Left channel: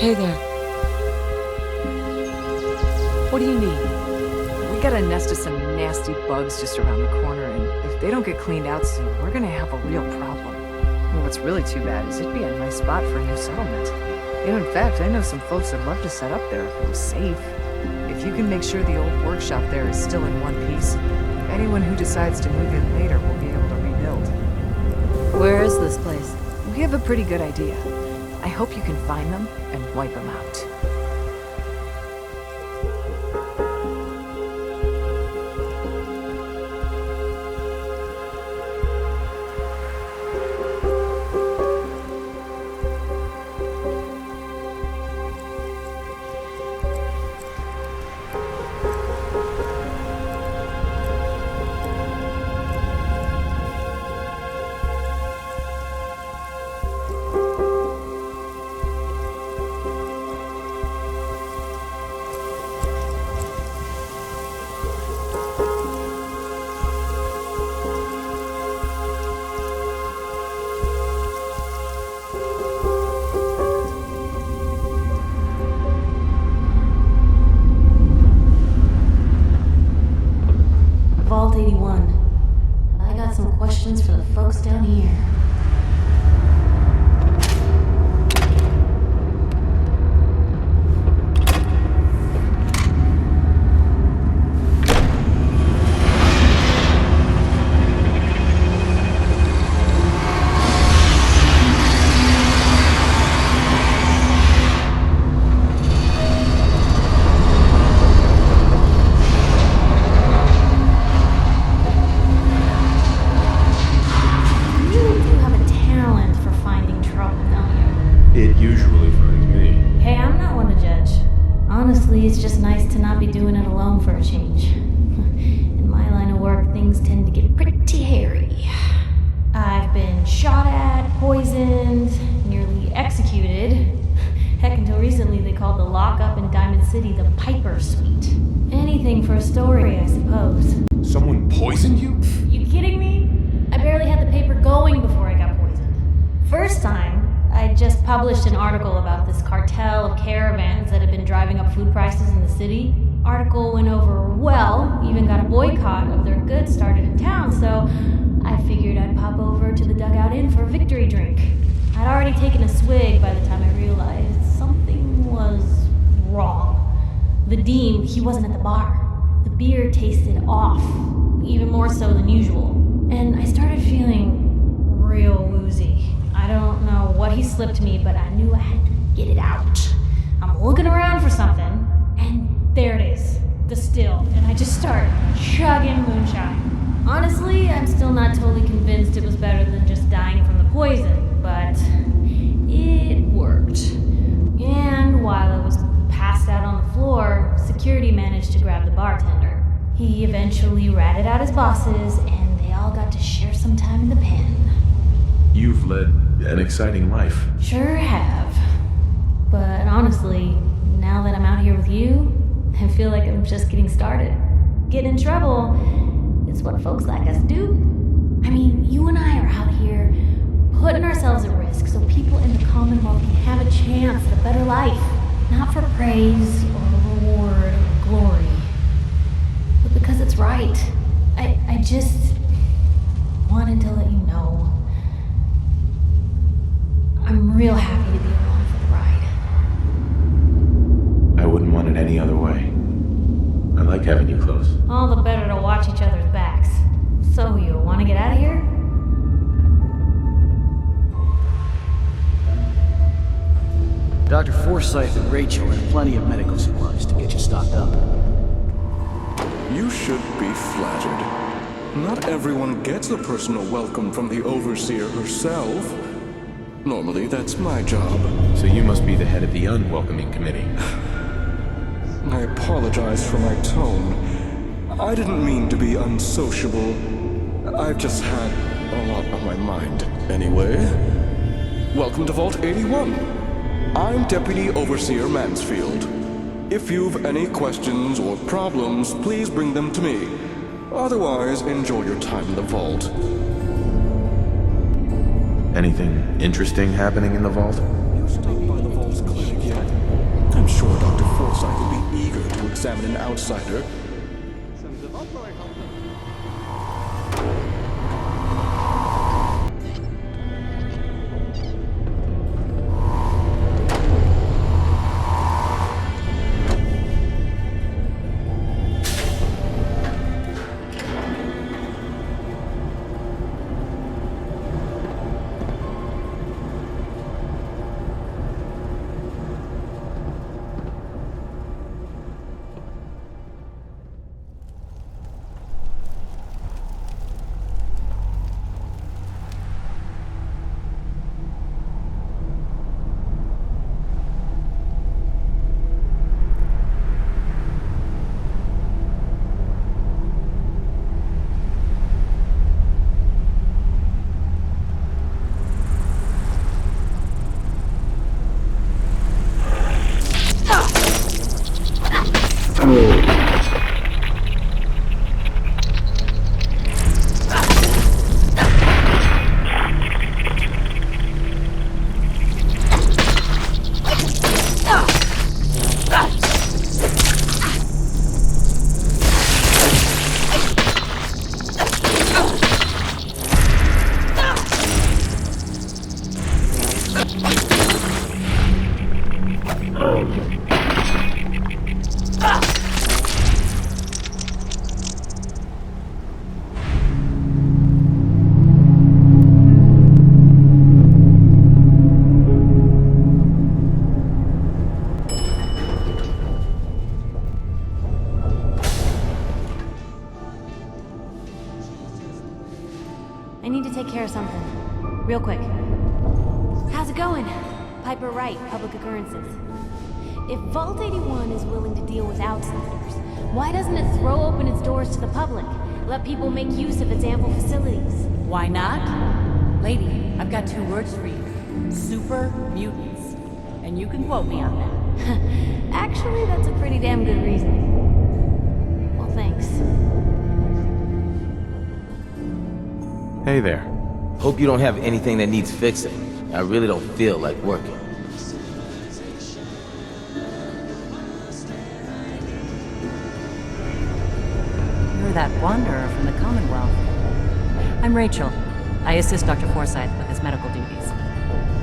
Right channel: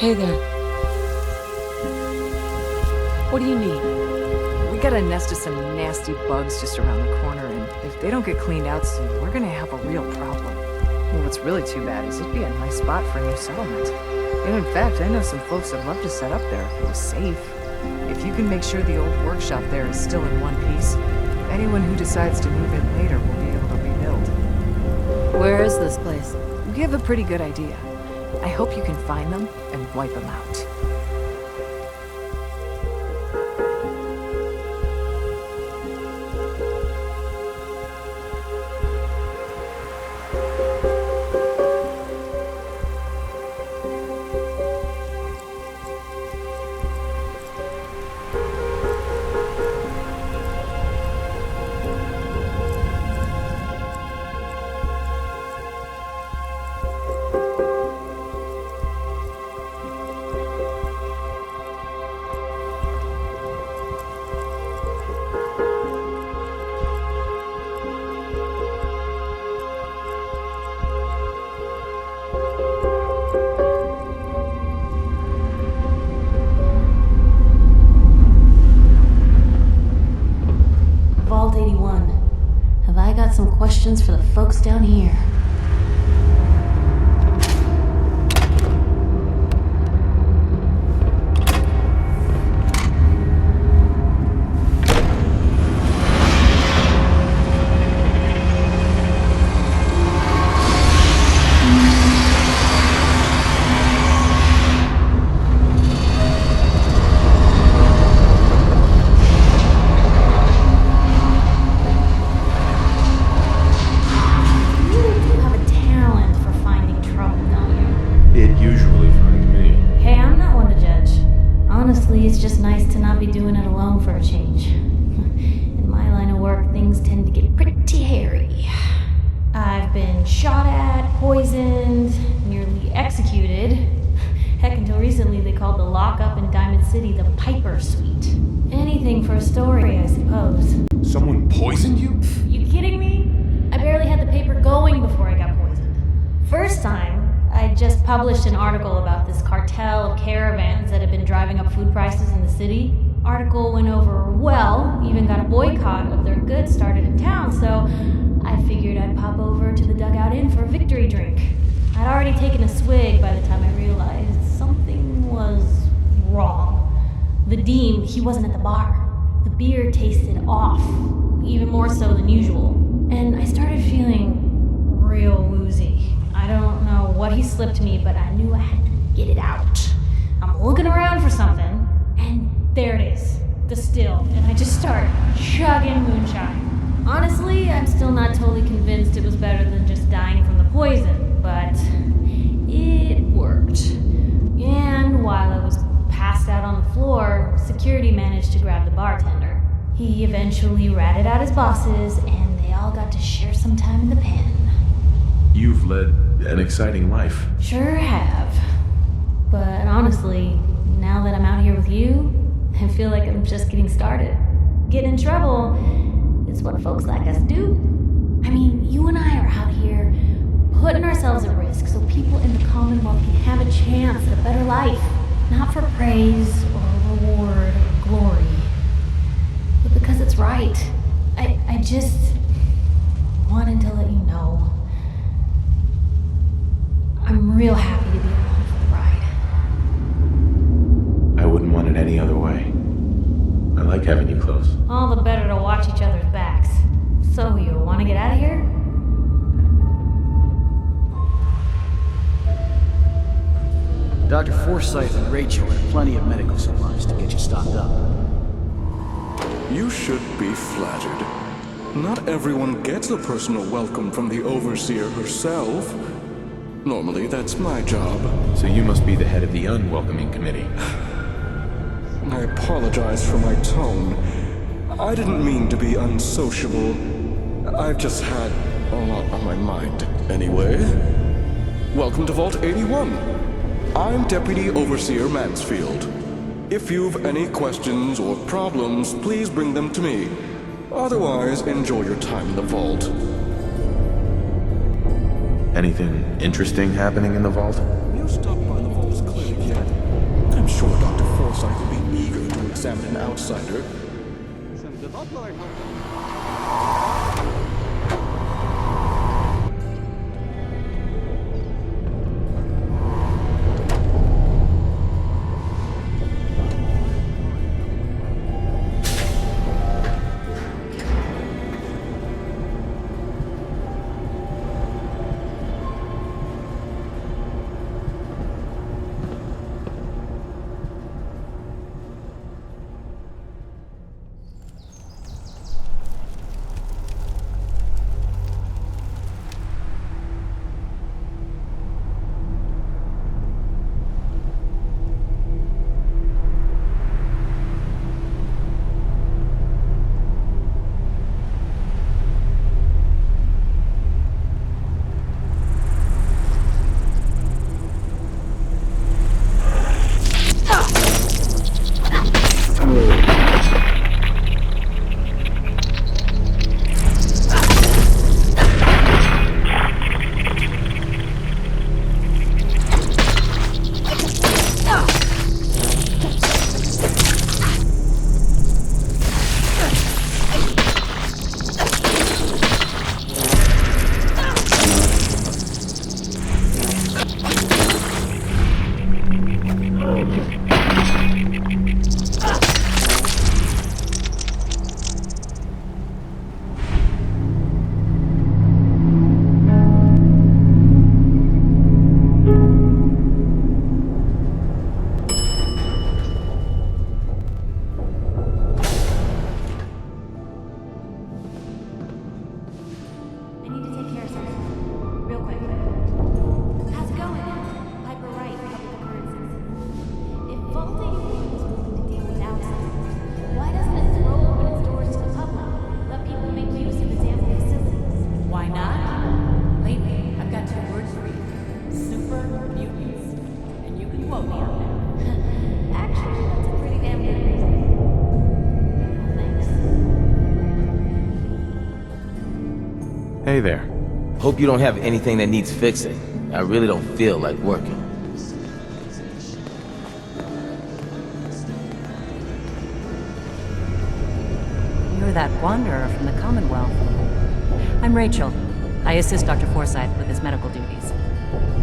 Hey there. What do you need? We got a nest of some nasty bugs just around the corner, and if they don't get cleaned out soon, we're gonna have a real problem. Well, what's really too bad is it'd be a nice spot for a new settlement. And in fact, I know some folks that'd love to set up there if it was safe. If you can make sure the old workshop there is still in one piece, anyone who decides to move in later will be able to rebuild. Where is this place? We have a pretty good idea. I hope you can find them and wipe them out. Vault 81. Have I got some questions for the folks down here? Honestly, it's just nice to not be doing it alone for a change. In my line of work, things tend to get pretty hairy. I've been shot at, poisoned, nearly executed. Heck, until recently they called the lockup in Diamond City the Piper Suite. Anything for a story, I suppose. Someone poisoned you? You kidding me? I barely had the paper going before I got poisoned. First time, I just published an article about this cartel of caravans that had been driving up food prices in the city. Article went over well, even got a boycott of their goods started in town, so I figured I'd pop over to the Dugout Inn for a victory drink. I'd already taken a swig by the time I realized something was wrong. Vadim, he wasn't at the bar. The beer tasted off, even more so than usual. And I started feeling real woozy. I don't know what he slipped me, but I knew I had to get it out. I'm looking around for something, and there it is, the still, and I just start chugging moonshine. Honestly, I'm still not totally convinced it was better than just dying from the poison, but it worked. And while I was passed out on the floor, security managed to grab the bartender. He eventually ratted out his bosses, and they all got to share some time in the pen. You've led an exciting life. Sure have. But honestly, now that I'm out here with you, I feel like I'm just getting started. Getting in trouble is what folks like us do. I mean, you and I are out here putting ourselves at risk so people in the Commonwealth can have a chance at a better life. Not for praise or reward or glory, but because it's right. I just wanted to let you know I'm real happy to be along for the ride. I wouldn't want it any other way. I like having you close. All the better to watch each other's backs. So, you want to get out of here? Dr. Forsyth and Rachel have plenty of medical supplies to get you stocked up. You should be flattered. Not everyone gets a personal welcome from the Overseer herself. Normally, that's my job. So you must be the head of the unwelcoming committee. I apologize for my tone. I didn't mean to be unsociable. I've just had a lot on my mind. Anyway, welcome to Vault 81. I'm Deputy Overseer Mansfield. If you've any questions or problems, please bring them to me. Otherwise, enjoy your time in the vault. Anything interesting happening in the vault? You stopped by the vault's clinic yet? sure Dr. Forsyth will be eager to examine an outsider. I need to take care of something. Real quick. How's it going? Piper Wright, Public Occurrences. If Vault 81 is willing to deal with outsiders, why doesn't it throw open its doors to the public? Let people make use of its ample facilities? Why not? Lady, I've got 2 words for you. Super mutants. And you can quote me on that. Actually, that's a pretty damn good reason. Well, thanks. Hey there. Hope you don't have anything that needs fixing. I really don't feel like working. You're that wanderer from the Commonwealth. I'm Rachel. I assist Dr. Forsyth with his medical duties.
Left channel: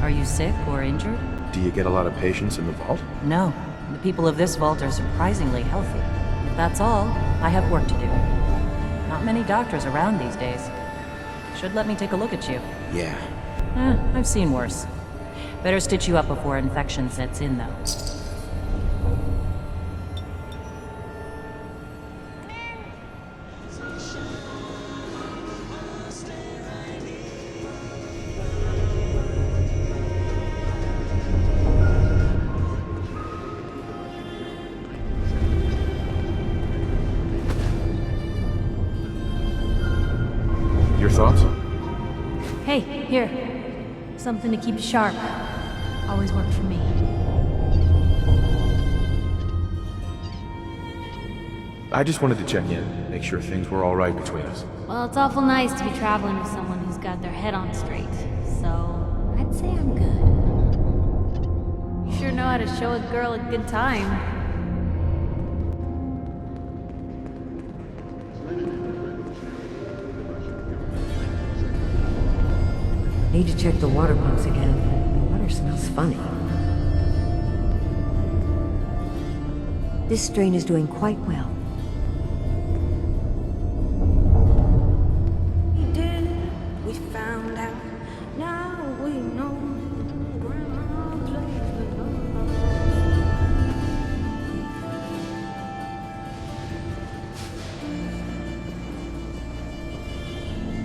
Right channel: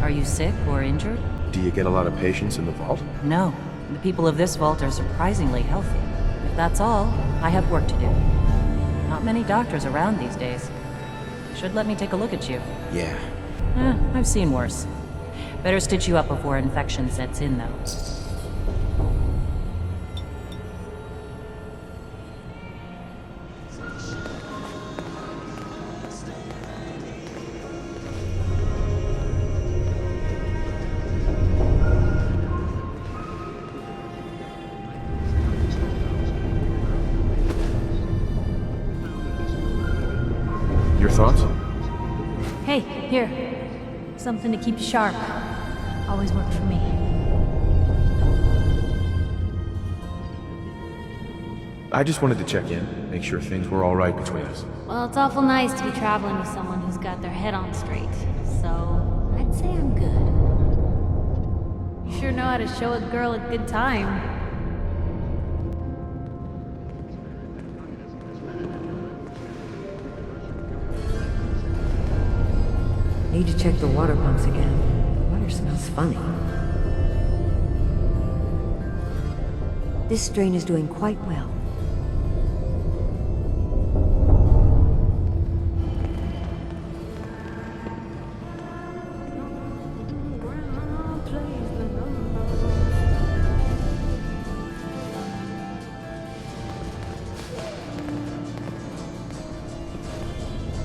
Are you sick or injured? Do you get a lot of patients in the vault? No. The people of this vault are surprisingly healthy. If that's all, I have work to do. Not many doctors around these days. Should let me take a look at you. Yeah. I've seen worse. Better stitch you up before infection sets in, though. Your thoughts? Hey, here. Something to keep you sharp. Always worked for me. I just wanted to check in, make sure things were all right between us. Well, it's awful nice to be traveling with someone who's got their head on straight. So, I'd say I'm good. You sure know how to show a girl a good time. Need to check the water pumps again. The water smells funny. This strain is doing quite well.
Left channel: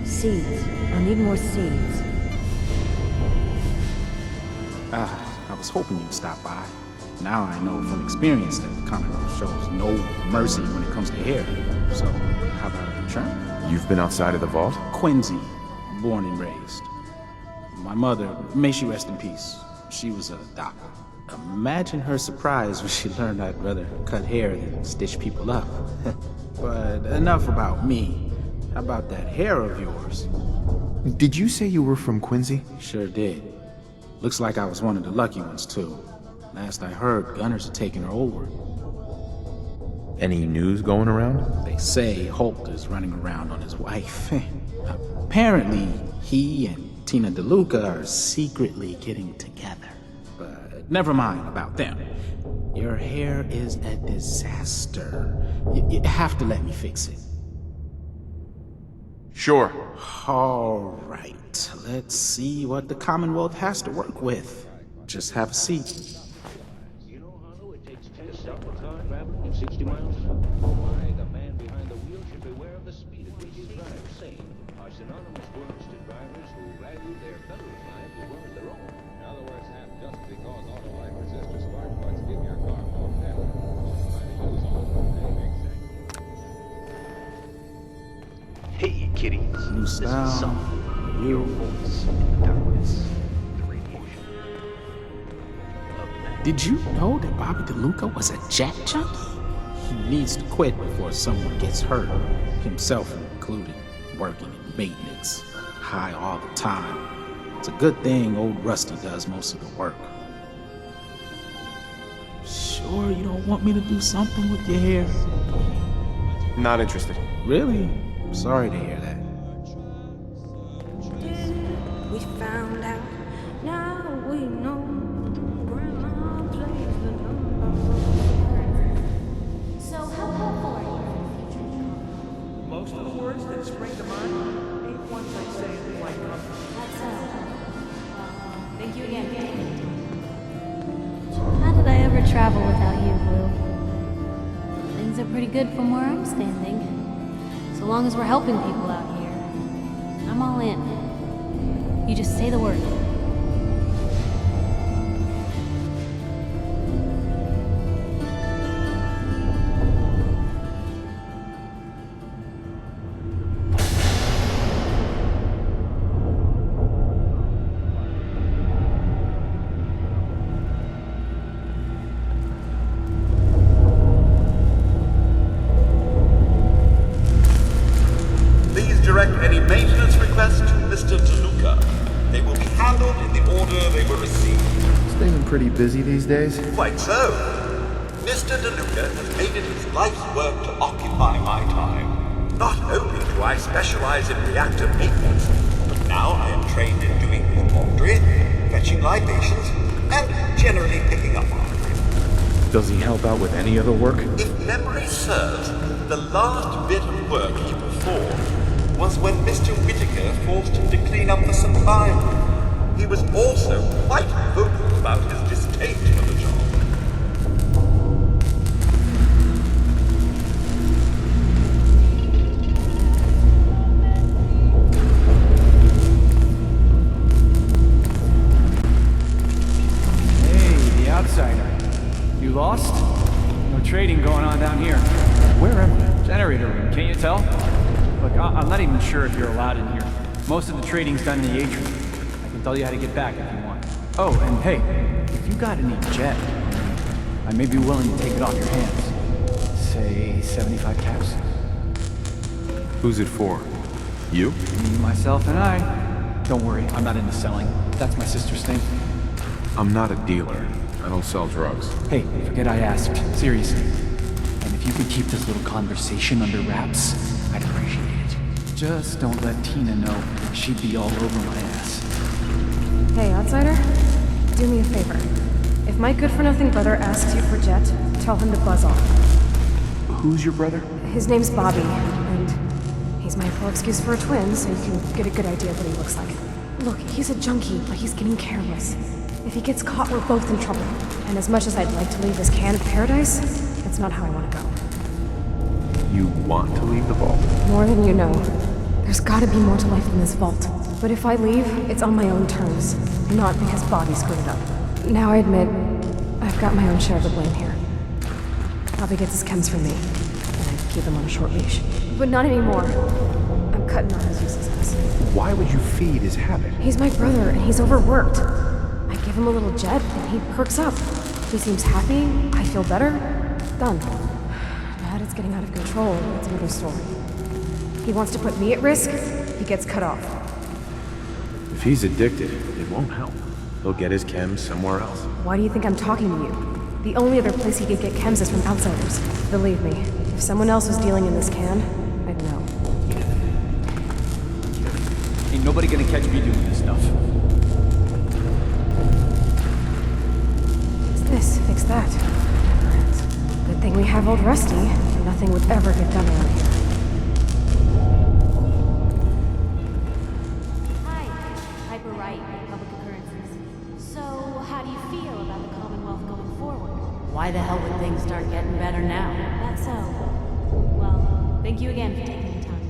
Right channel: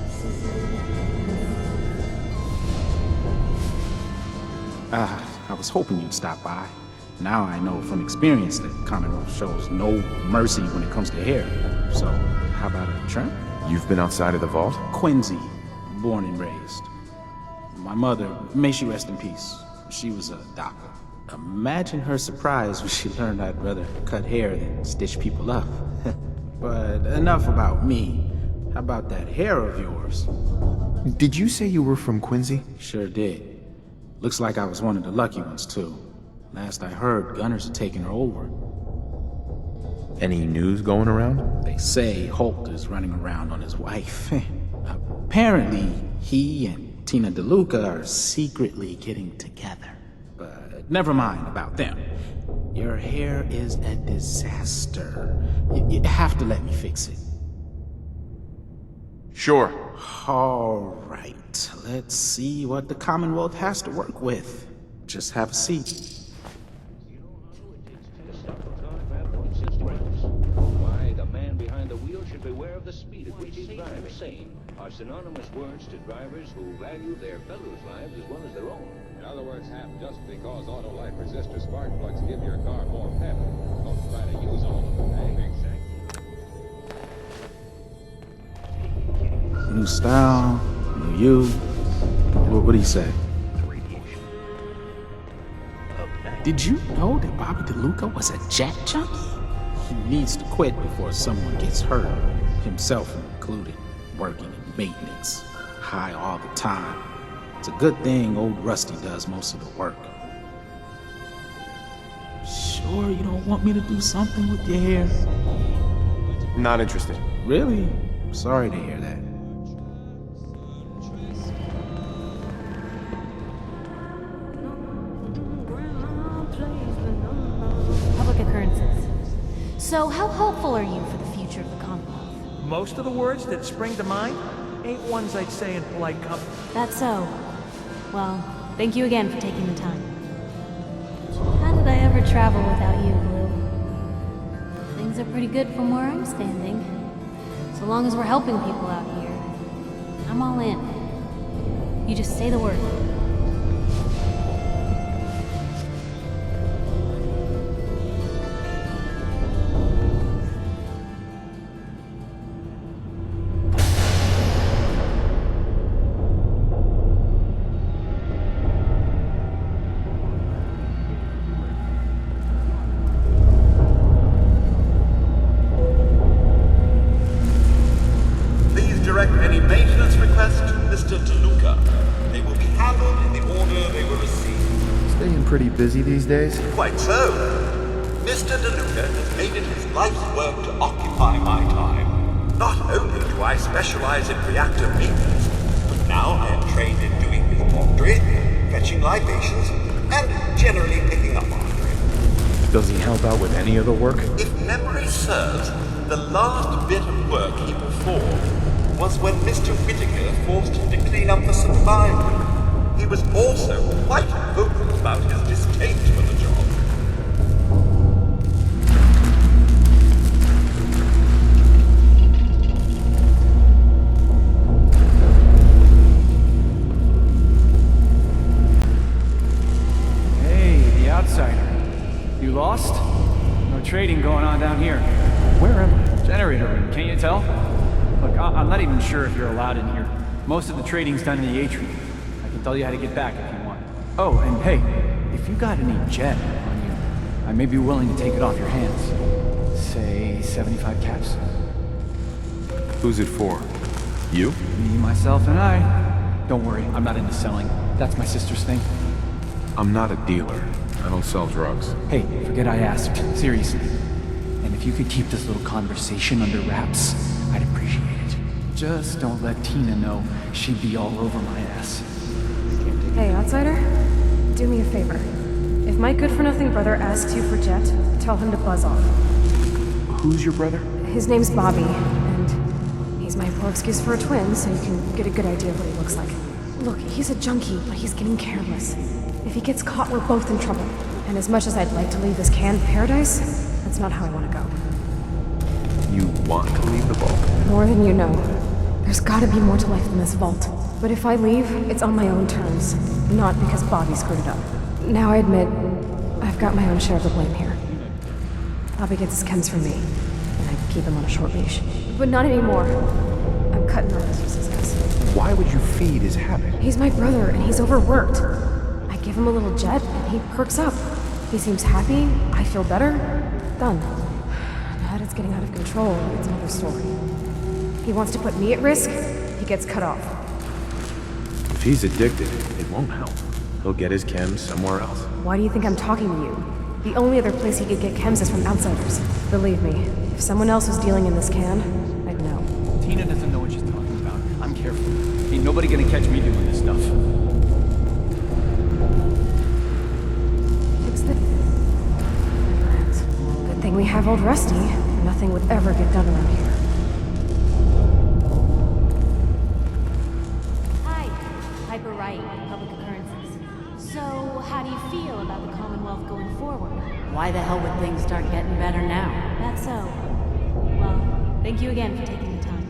Seeds. I need more seeds. I was hoping you'd stop by. Now I know from experience that Conroe shows no mercy when it comes to hair. So, how about a trim? You've been outside of the vault? Quincy, born and raised. My mother, may she rest in peace, she was a doctor. Imagine her surprise when she learned I'd rather cut hair than stitch people up. But enough about me. How about that hair of yours? Did you say you were from Quincy? Sure did. Looks like I was one of the lucky ones, too. Last I heard, gunners are taking her over. Any news going around? They say Holt is running around on his wife. Apparently, he and Tina Deluca are secretly getting together. But never mind about them. Your hair is a disaster. You have to let me fix it. Sure. All right, let's see what the Commonwealth has to work with. Just have a seat. You know, Harlow, it takes 10 to stop a car traveling at 60 miles. Why, the man behind the wheel should beware of the speed at which he drives. Sane are synonymous words to drivers who value their fellows' lives as well as their own. In other words, Hap, just because auto life resistor spark plugs give your car more pep, don't try to use all of them, eh? Exactly. Hey, kitty. New style, new you. What do you say? The radiation. Up next. Did you know that Bobby Deluca was a jet junkie? He needs to quit before someone gets hurt, himself included, working in maintenance, high all the time. It's a good thing old Rusty does most of the work. Sure you don't want me to do something with your hair? Not interested. Really? Sorry to hear that. We found out, now we know. Grandma plays the number. Public occurrences. So, how hopeful are you for the future of the Commonwealth? Most of the words that spring to mind ain't ones I'd say in polite company. That's so. Well, thank you again for taking the time. How did I ever travel without you, Blue? Things are pretty good from where I'm standing. So long as we're helping people out here, I'm all in. You just say the word. Direct any maintenance requests to Mr. Deluca. They will be handled in the order they were received. Staying pretty busy these days? Quite so. Mr. Deluca has made it his life's work to occupy my time. Not only do I specialize in reactor maintenance, but now I am trained in doing his laundry, fetching libations, and generally picking up after him. Does he help out with any other work? If memory serves, the last bit of work he performed was when Mr. Whittaker forced him to clean up the supply room. He was also quite vocal about his distaste for the job. Hey, the outsider. You lost? No trading going on down here. Where am I? Generator room, can't you tell? Look, I'm not even sure if you're allowed in here. Most of the trading's done in the atrium. I can tell you how to get back if you want. Oh, and hey, if you got any jet on you, I may be willing to take it off your hands. Say 75 caps? Who's it for? You? Me, myself, and I. Don't worry, I'm not into selling. That's my sister's thing. I'm not a dealer. I don't sell drugs. Hey, forget I asked. Seriously. And if you could keep this little conversation under wraps, I'd appreciate it. Just don't let Tina know. She'd be all over my ass. Hey, outsider. Do me a favor. If my good-for-nothing brother asks you for Jet, tell him to buzz off. Who's your brother? His name's Bobby, and he's my poor excuse for a twin, so you can get a good idea of what he looks like. Look, he's a junkie, but he's getting careless. If he gets caught, we're both in trouble. And as much as I'd like to leave this canned paradise, that's not how I want to go. You want to leave the vault? More than you know. There's gotta be more to life than this vault. But if I leave, it's on my own terms, not because Bobby screwed it up. Now I admit, I've got my own share of the blame here. Bobby gets his chems from me, and I keep him on a short leash. But not anymore. I'm cutting off his useless ass. Why would you feed his habit? He's my brother, and he's overworked. I give him a little jet, and he perks up. He seems happy, I feel better. Done. Now that it's getting out of control, it's another story. He wants to put me at risk, he gets cut off. If he's addicted, it won't help. He'll get his chems somewhere else. Why do you think I'm talking to you? The only other place he could get chems is from outsiders. Believe me, if someone else was dealing in this can, I'd know. Tina doesn't know what she's talking about. I'm careful. Ain't nobody gonna catch me doing this stuff. Fix this, fix that. Never ends. Good thing we have old Rusty, or nothing would ever get done around here. Hi, Piper Wright with Public Occurrences. So, how do you feel about the Commonwealth going forward? Why the hell would things start getting better now? That's so. Well, thank you again for taking the time.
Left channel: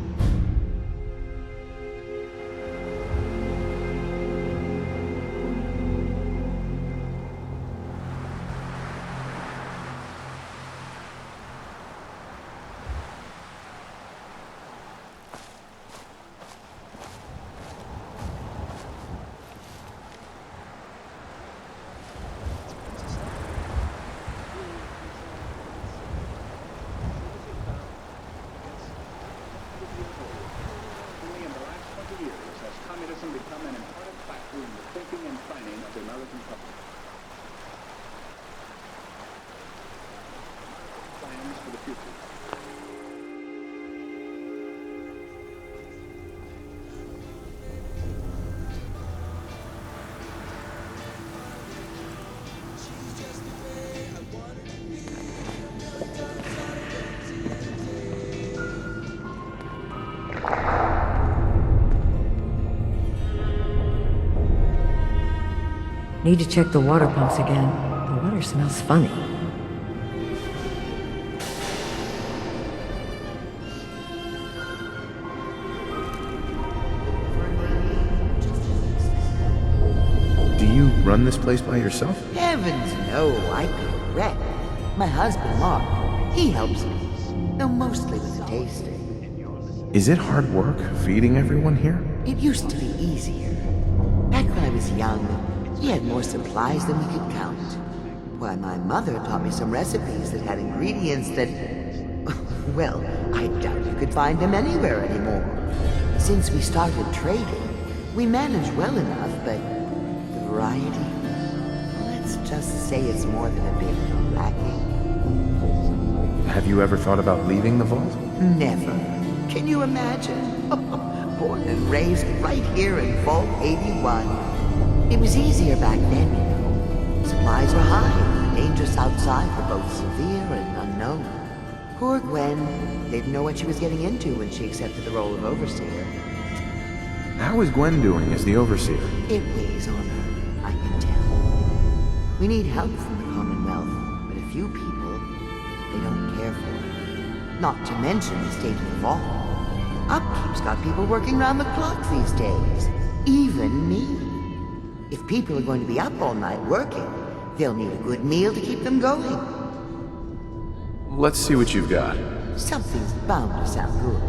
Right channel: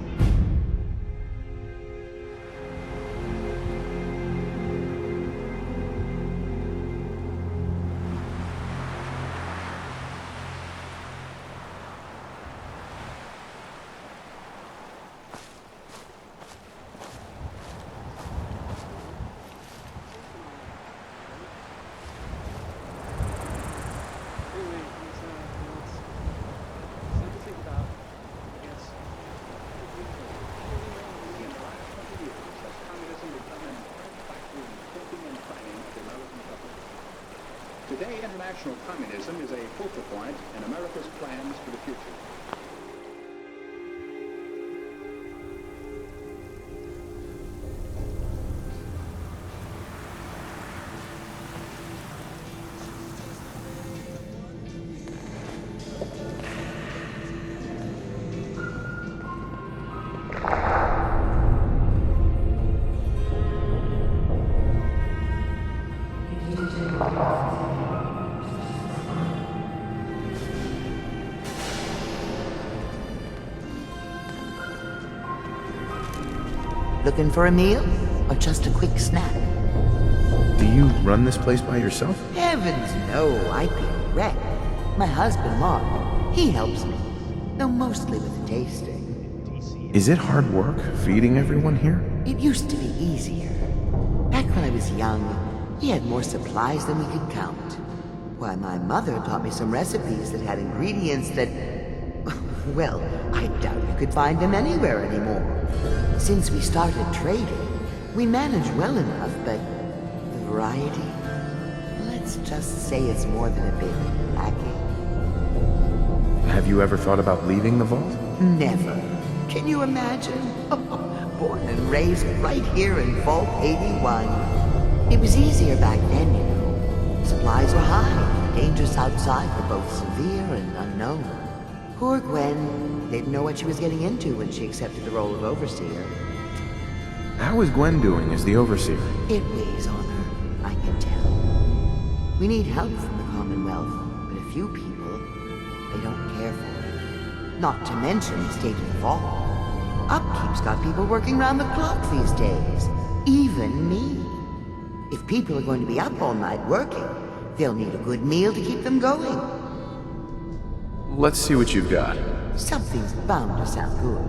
Today, international communism is a focal point in America's plans for the future. Need to check the water pumps again. The water smells funny. Looking for a meal? Or just a quick snack? Do you run this place by yourself? Heavens no, I'd be a wreck. My husband, Mark, he helps me. Though mostly with the tasting. Is it hard work feeding everyone here? It used to be easier. Back when I was young, we had more supplies than we could count. Why, my mother taught me some recipes that had ingredients that... well, I doubt you could find them anywhere anymore. Since we started trading, we manage well enough, but the variety... let's just say it's more than a bit lacking. Have you ever thought about leaving the vault? Never. Can you imagine? Born and raised right here in Vault 81. It was easier back then, you know. Supplies were high, and the dangers outside were both severe and unknown. Poor Gwen didn't know what she was getting into when she accepted the role of Overseer. How is Gwen doing as the Overseer? It weighs on her, I can tell. We need help from the Commonwealth, but a few people, they don't care for it. Not to mention the state of the vault. Upkeep's got people working round the clock these days. Even me. If people are going to be up all night working, they'll need a good meal to keep them going. Let's see what you've got. Something's bound to sound good.